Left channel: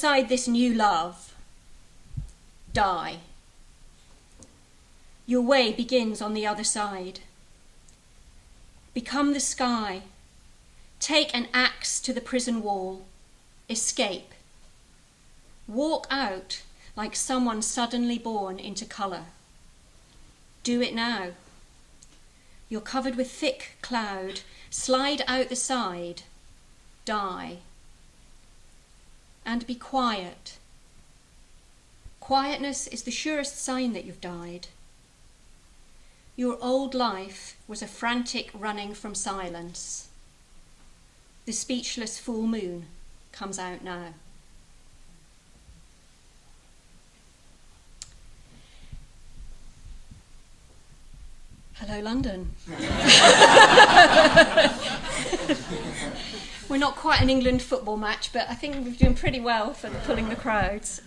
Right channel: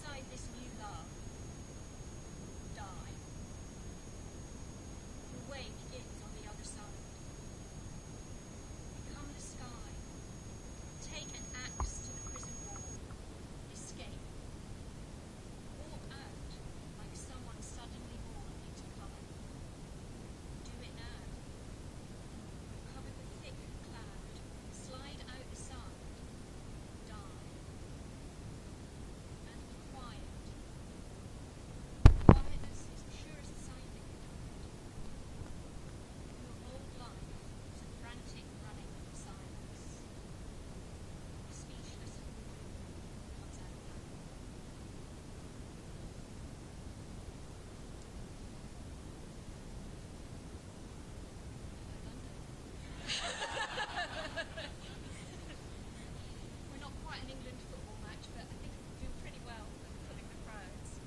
inside this new love, die. Your way begins on the other side. Become the sky. Take an axe to the prison wall. Escape. Walk out like someone suddenly born into colour. Do it now. You're covered with thick cloud. Slide out the side. Die. And be quiet. Quietness is the surest sign that you've died. Your old life was a frantic running from silence. The speechless full moon comes out now. Hello, London. We're not quite an England football match, but I think we're doing pretty well for pulling the crowds.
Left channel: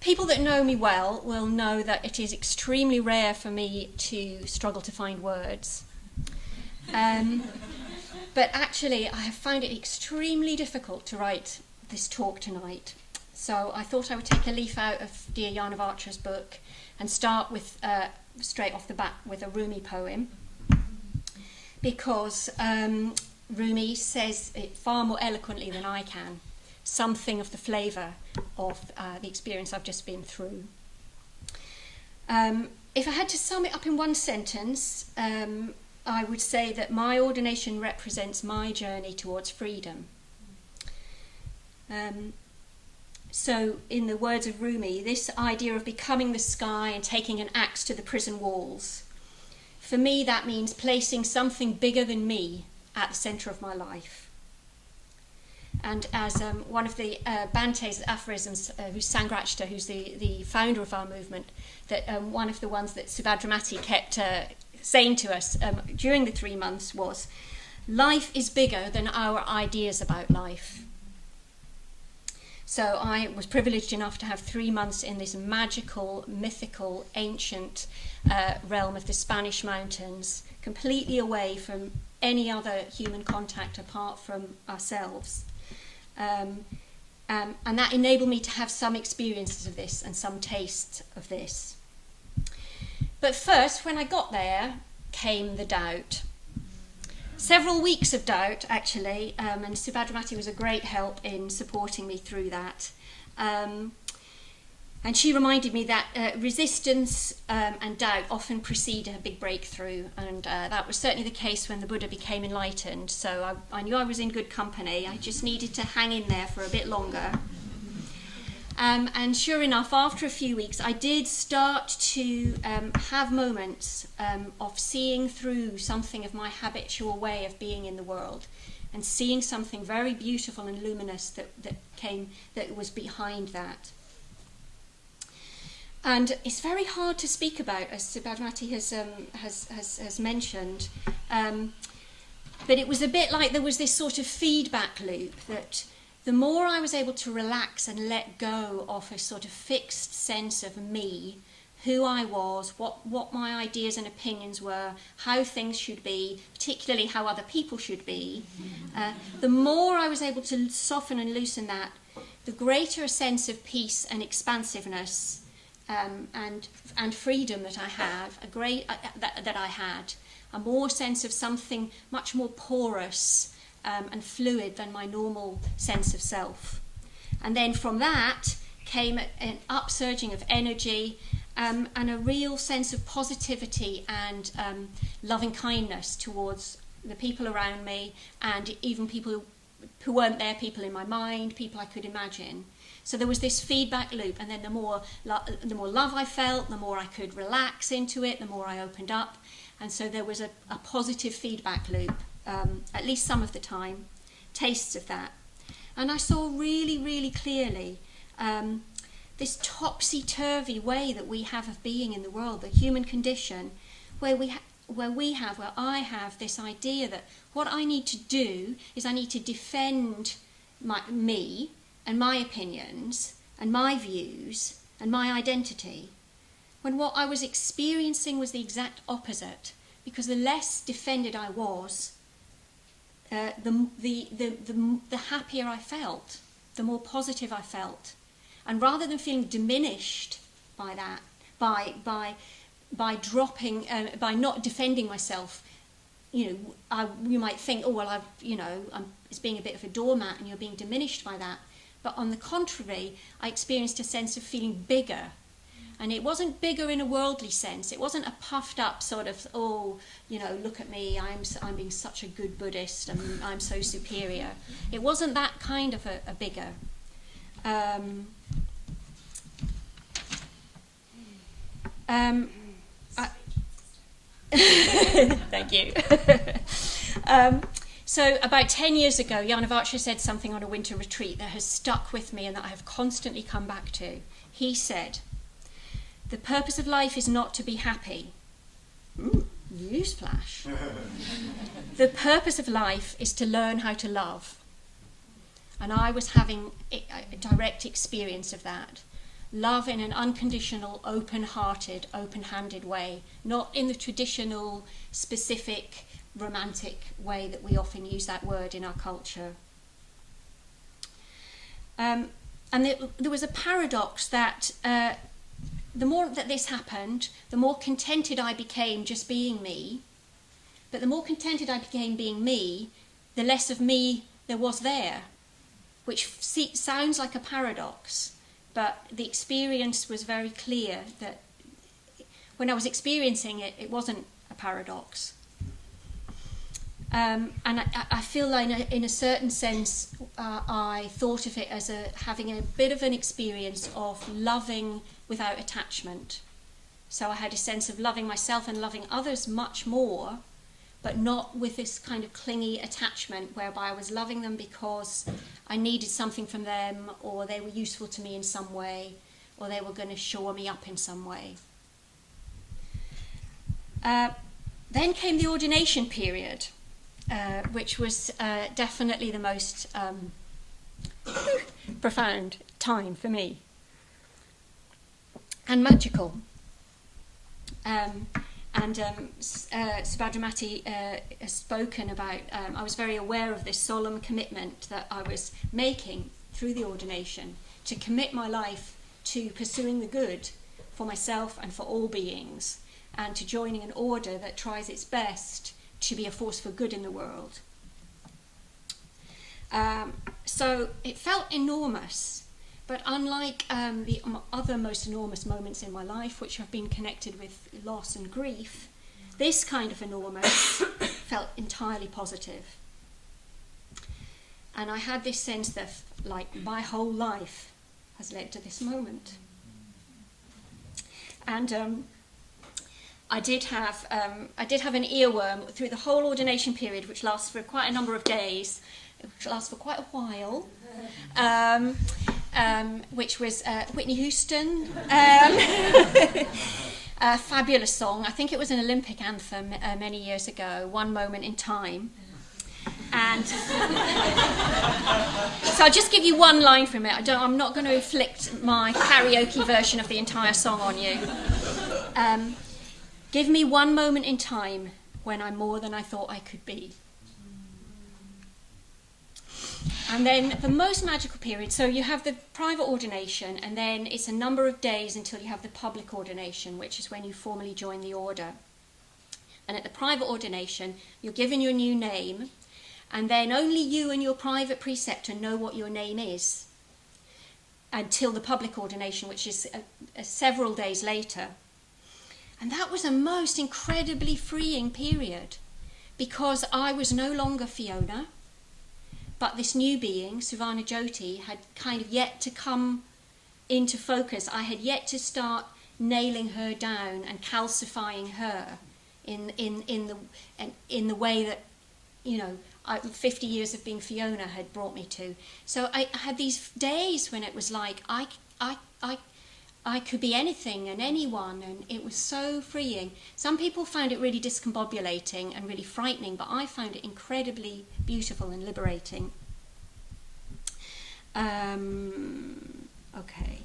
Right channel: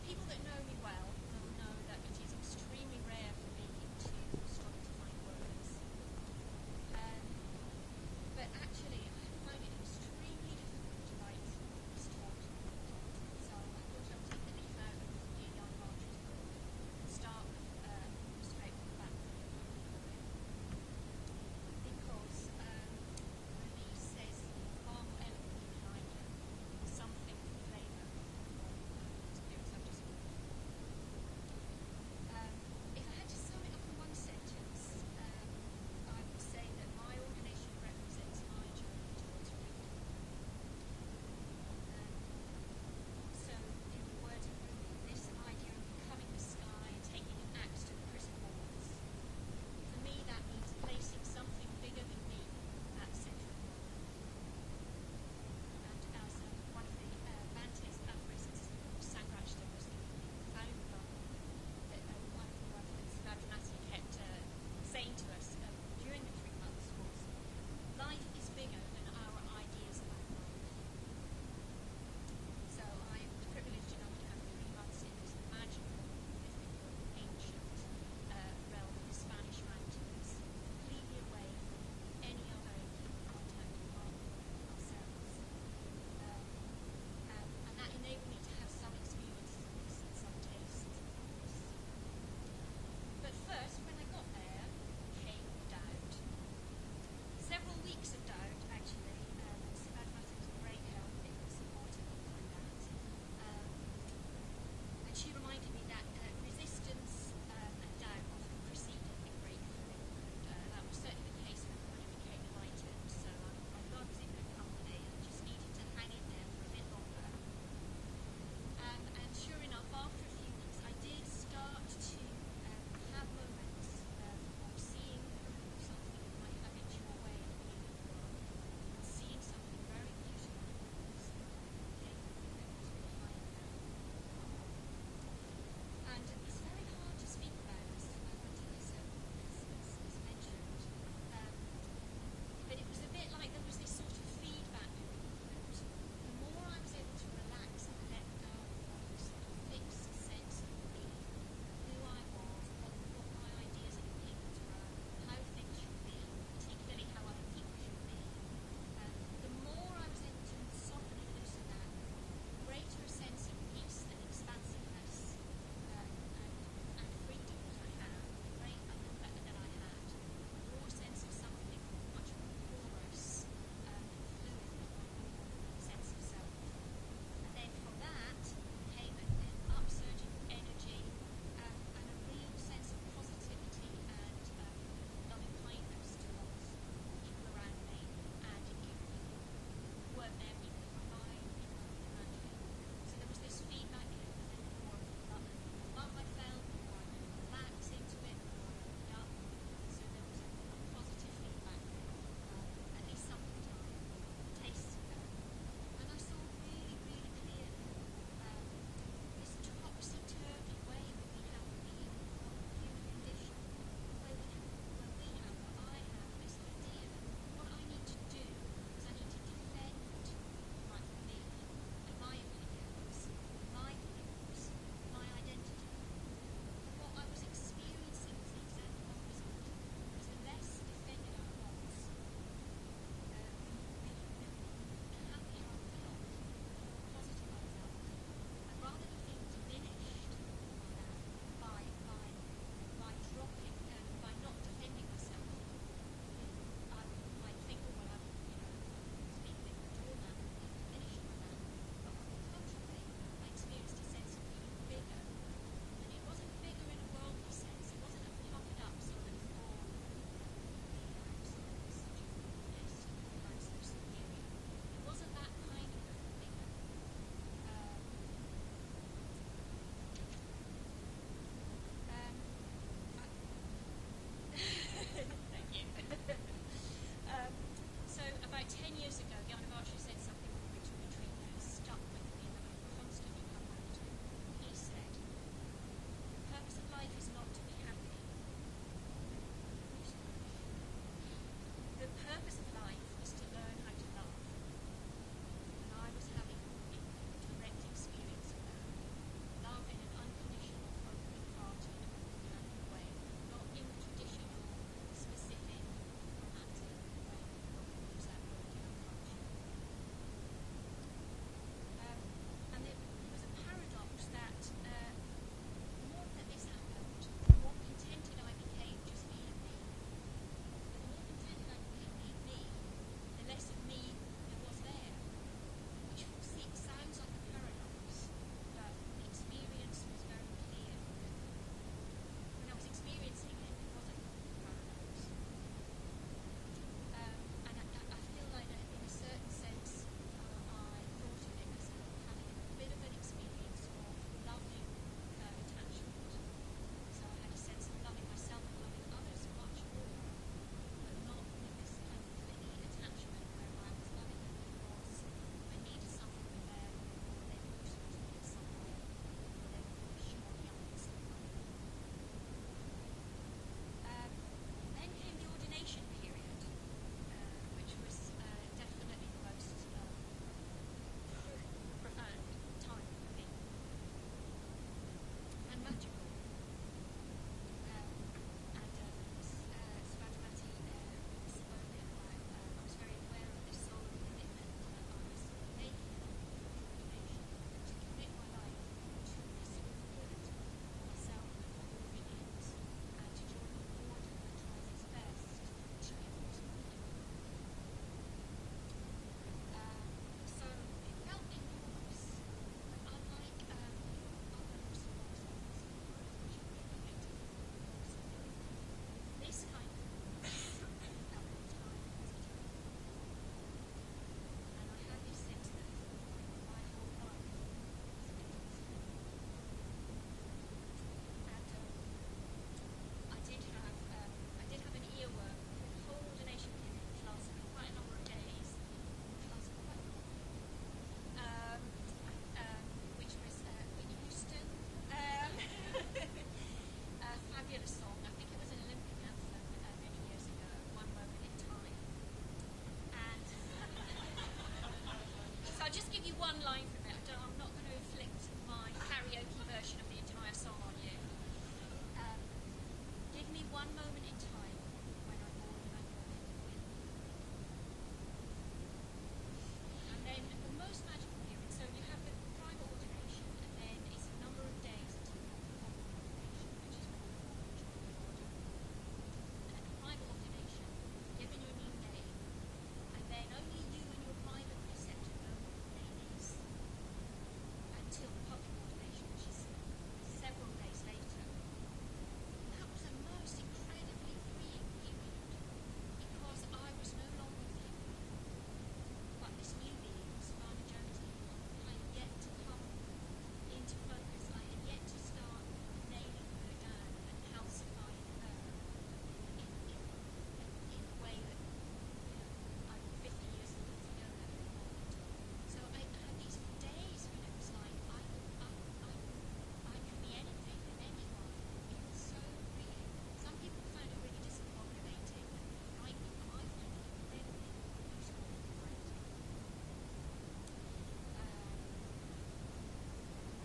People that know me well will know that it is extremely rare for me to struggle to find words. But actually, I have found it extremely difficult to write this talk tonight. So I thought I would take a leaf out of dear Jan of Archer's book and start with, straight off the bat, with a Rumi poem. Because Rumi says it far more eloquently than I can, something of the flavour of the experience I've just been through. If I had to sum it up in one sentence, I would say that my ordination represents my journey towards freedom. So, in the words of Rumi, this idea of becoming the sky and taking an axe to the prison walls, for me that means placing something bigger than me at the centre of my life. And as one of the Bante's aphorisms, who's Sangrachta, who's the founder of our movement, that one of the ones that Suvarnajyoti kept saying to us during the 3 months was, life is bigger than our ideas about life. So I was privileged enough to have 3 months in this magical, mythical, ancient realm of the Spanish mountains, completely away from any other human contact apart from ourselves. And that enabled me to have some experiences of this and some tastes of this. But first, when I got there, came the doubt. Several weeks of doubt, actually, and Suvarnajyoti was a great help in supporting me through that. And she reminded me that resistance and doubt often precede a big breakthrough, and that was certainly the case when the Buddha became enlightened. So I knew I was in good company. I just needed to hang in there for a bit longer. And sure enough, after a few weeks, I did start to have moments of seeing through something of my habitual way of being in the world, and seeing something very beautiful and luminous that was behind that. And it's very hard to speak about, as Suvarnajyoti has mentioned. But it was a bit like there was this sort of feedback loop that the more I was able to relax and let go of a sort of fixed sense of me, who I was, what my ideas and opinions were, how things should be, particularly how other people should be, the more I was able to soften and loosen that, the greater a sense of peace and expansiveness and freedom that I have, that I had, a more sense of something much more porous and fluid than my normal sense of self. And then from that came an upsurging of energy and a real sense of positivity and loving kindness towards the people around me, and even people who weren't there, people in my mind, people I could imagine. So there was this feedback loop, and then the more love I felt, the more I could relax into it, the more I opened up. And so there was a positive feedback loop, at least some of the time, tastes of that. And I saw really, really clearly this topsy-turvy way that we have of being in the world, the human condition, where I have this idea that what I need to do is I need to defend me and my opinions and my views and my identity, when what I was experiencing was the exact opposite, because the less defended I was, the happier I felt, the more positive I felt. And rather than feeling diminished by that, by dropping, by not defending myself, you might think, oh well, it's being a bit of a doormat, and you're being diminished by that. But on the contrary, I experienced a sense of feeling bigger. And it wasn't bigger in a worldly sense. It wasn't a puffed up sort of, look at me, I'm being such a good Buddhist, and I'm so superior. It wasn't that kind of a bigger. Thank you. So about 10 years ago, Yanavacha said something on a winter retreat that has stuck with me and that I have constantly come back to. He said, "The purpose of life is not to be happy." Newsflash. "The purpose of life is to learn how to love." And I was having a direct experience of that. Love in an unconditional, open-hearted, open-handed way, not in the traditional, specific, romantic way that we often use that word in our culture. And there was a paradox that the more that this happened, the more contented I became just being me. But the more contented I became being me, the less of me there was there, which sounds like a paradox, but the experience was very clear that when I was experiencing it, it wasn't a paradox. And I feel like in a certain sense, I thought of it as having a bit of an experience of loving without attachment. So I had a sense of loving myself and loving others much more, but not with this kind of clingy attachment whereby I was loving them because I needed something from them, or they were useful to me in some way, or they were going to shore me up in some way. Then came the ordination period, which was definitely the most profound time for me, and magical. Suvarnajyoti has spoken about, I was very aware of this solemn commitment that I was making through the ordination to commit my life to pursuing the good for myself and for all beings, and to joining an order that tries its best to be a force for good in the world. So it felt enormous, but unlike the other most enormous moments in my life, which have been connected with loss and grief, this kind of enormous felt entirely positive. And I had this sense that, like, my whole life has led to this moment. And I did have an earworm through the whole ordination period, which lasts for quite a number of days, which lasts for quite a while. Which was Whitney Houston. A fabulous song. I think it was an Olympic anthem many years ago, "One Moment in Time." And so I'll just give you one line from it. I'm not going to inflict my karaoke version of the entire song on you. Give me one moment in time when I'm more than I thought I could be. And then the most magical period, so you have the private ordination, and then it's a number of days until you have the public ordination, which is when you formally join the order. And at the private ordination, you're given your new name, and then only you and your private preceptor know what your name is until the public ordination, which is several days later. And that was a most incredibly freeing period, because I was no longer Fiona, but this new being, Suvarna Jyoti, had kind of yet to come into focus. I had yet to start nailing her down and calcifying her in the way that, 50 years of being Fiona had brought me to. So I had these days when it was like I could be anything and anyone, and it was so freeing. Some people found it really discombobulating and really frightening, but I found it incredibly beautiful and liberating. Okay.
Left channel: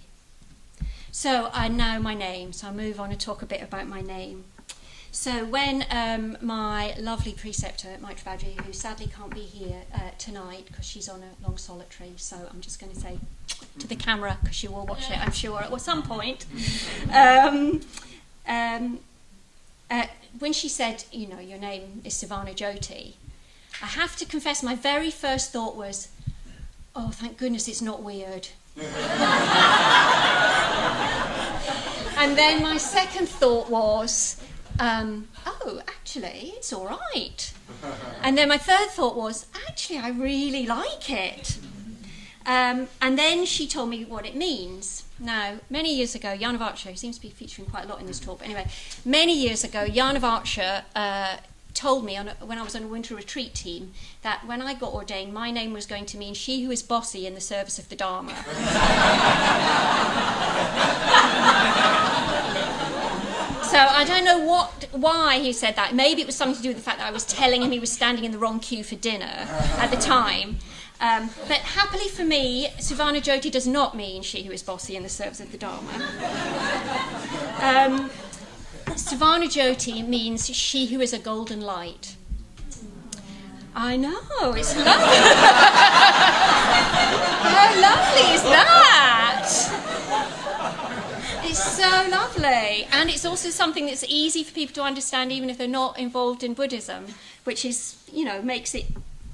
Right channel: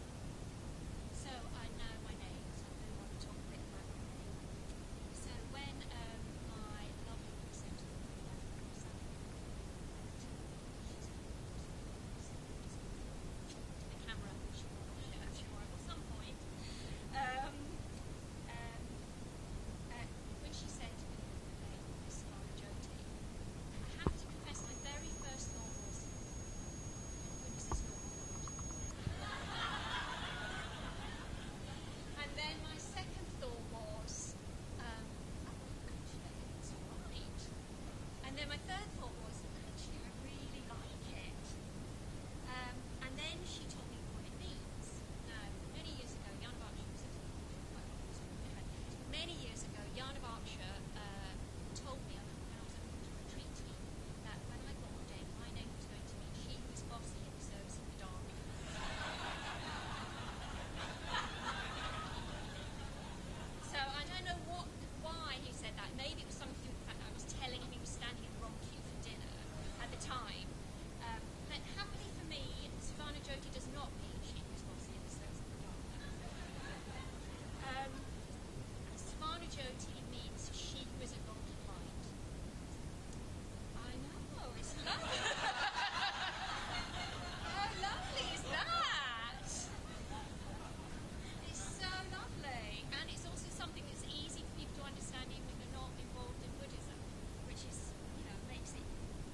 So I know my name, so I'll move on and talk a bit about my name. So when my lovely preceptor, Mike Travadri, who sadly can't be here tonight because she's on a long solitary, so I'm just going to say to the camera, because she will watch it, I'm sure, at some point. When she said, you know, your name is Suvarna Jyoti, I have to confess my very first thought was, oh, thank goodness it's not weird. And then my second thought was, oh, actually, it's all right. And then my third thought was, actually, I really like it. And then she told me what it means. Now, many years ago, Jan of Archer, who seems to be featuring quite a lot in this talk, but anyway, many years ago, Jan of Archer told me when I was on a winter retreat team that when I got ordained, my name was going to mean she who is bossy in the service of the Dharma. So I don't know why he said that. Maybe it was something to do with the fact that I was telling him he was standing in the wrong queue for dinner at the time. But happily for me, Suvarna Jyoti does not mean she who is bossy in the service of the Dharma. Suvarna Jyoti means she who is a golden light. I know, it's lovely. How lovely is that? It's so lovely. And it's also something that's easy for people to understand even if they're not involved in Buddhism, which is, you know, makes it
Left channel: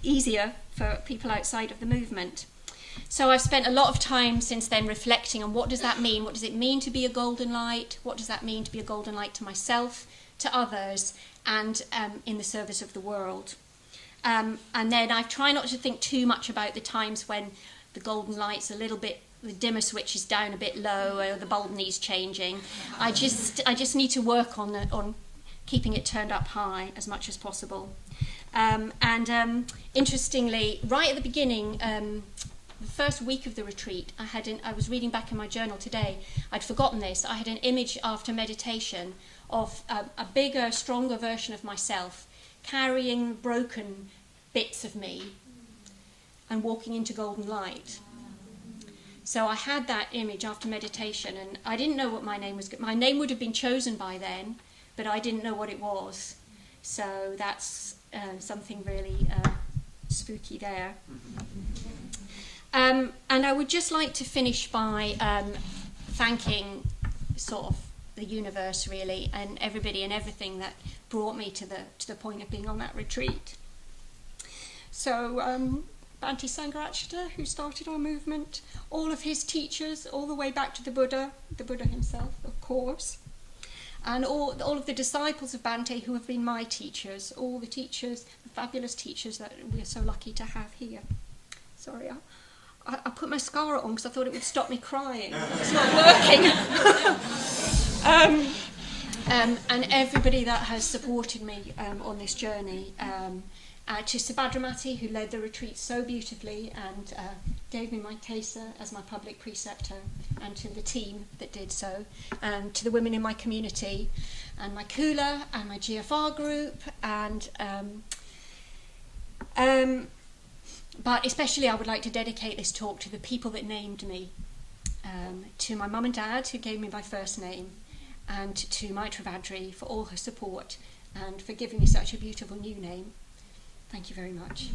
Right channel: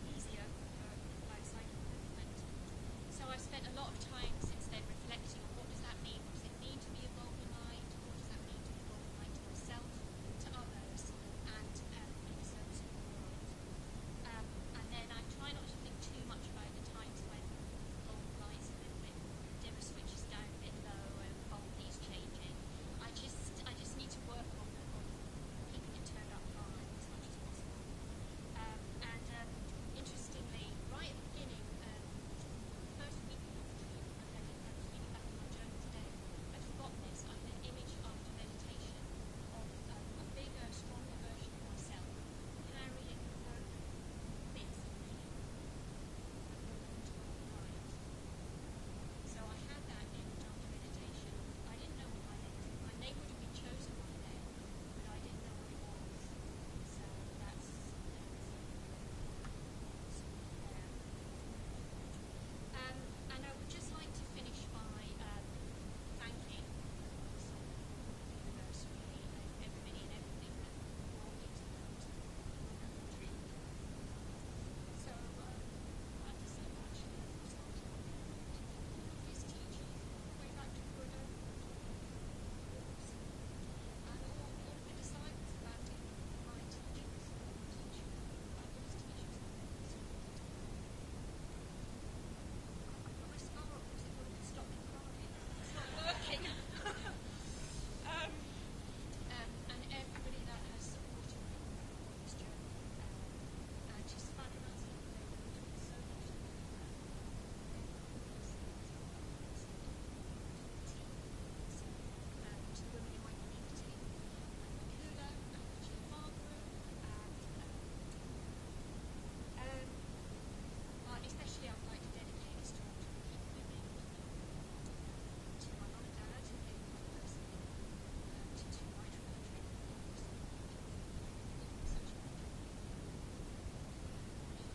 easier for people outside of the movement. So I've spent a lot of time since then reflecting on what does that mean? What does it mean to be a golden light? What does that mean to be a golden light to myself, to others, and in the service of the world? And then I try not to think too much about the times when the golden light's a little bit, the dimmer switch is down a bit low, or the bulb needs changing. I just need to work on keeping it turned up high as much as possible. Interestingly, right at the beginning, the first week of the retreat, I was reading back in my journal today, I'd forgotten this, I had an image after meditation of a bigger, stronger version of myself carrying broken bits of me and walking into golden light. So I had that image after meditation, and I didn't know what my name was. My name would have been chosen by then, but I didn't know what it was. So that's something really spooky there. And I would just like to finish by thanking sort of the universe, really, and everybody and everything that brought me to the point of being on that retreat. So Bhante Sangharakshita, who started our movement, all of his teachers, all the way back to the Buddha himself, of course, and all of the disciples of Bhante who have been my teachers, all the teachers, the fabulous teachers that we are so lucky to have here. Sorry, I put mascara on because I thought it would stop me crying. It's not working. And everybody that has supported me on this journey. To Subhadramati, who led the retreat so beautifully and gave me my kesa as my public preceptor, and to the team that did so, and to the women in my community, and my Kula, and my GFR group, and but especially I would like to dedicate this talk to the people that named me, to my mum and dad who gave me my first name, and to Mike Travadri for all her support and for giving me such a beautiful new name. Thank you very much.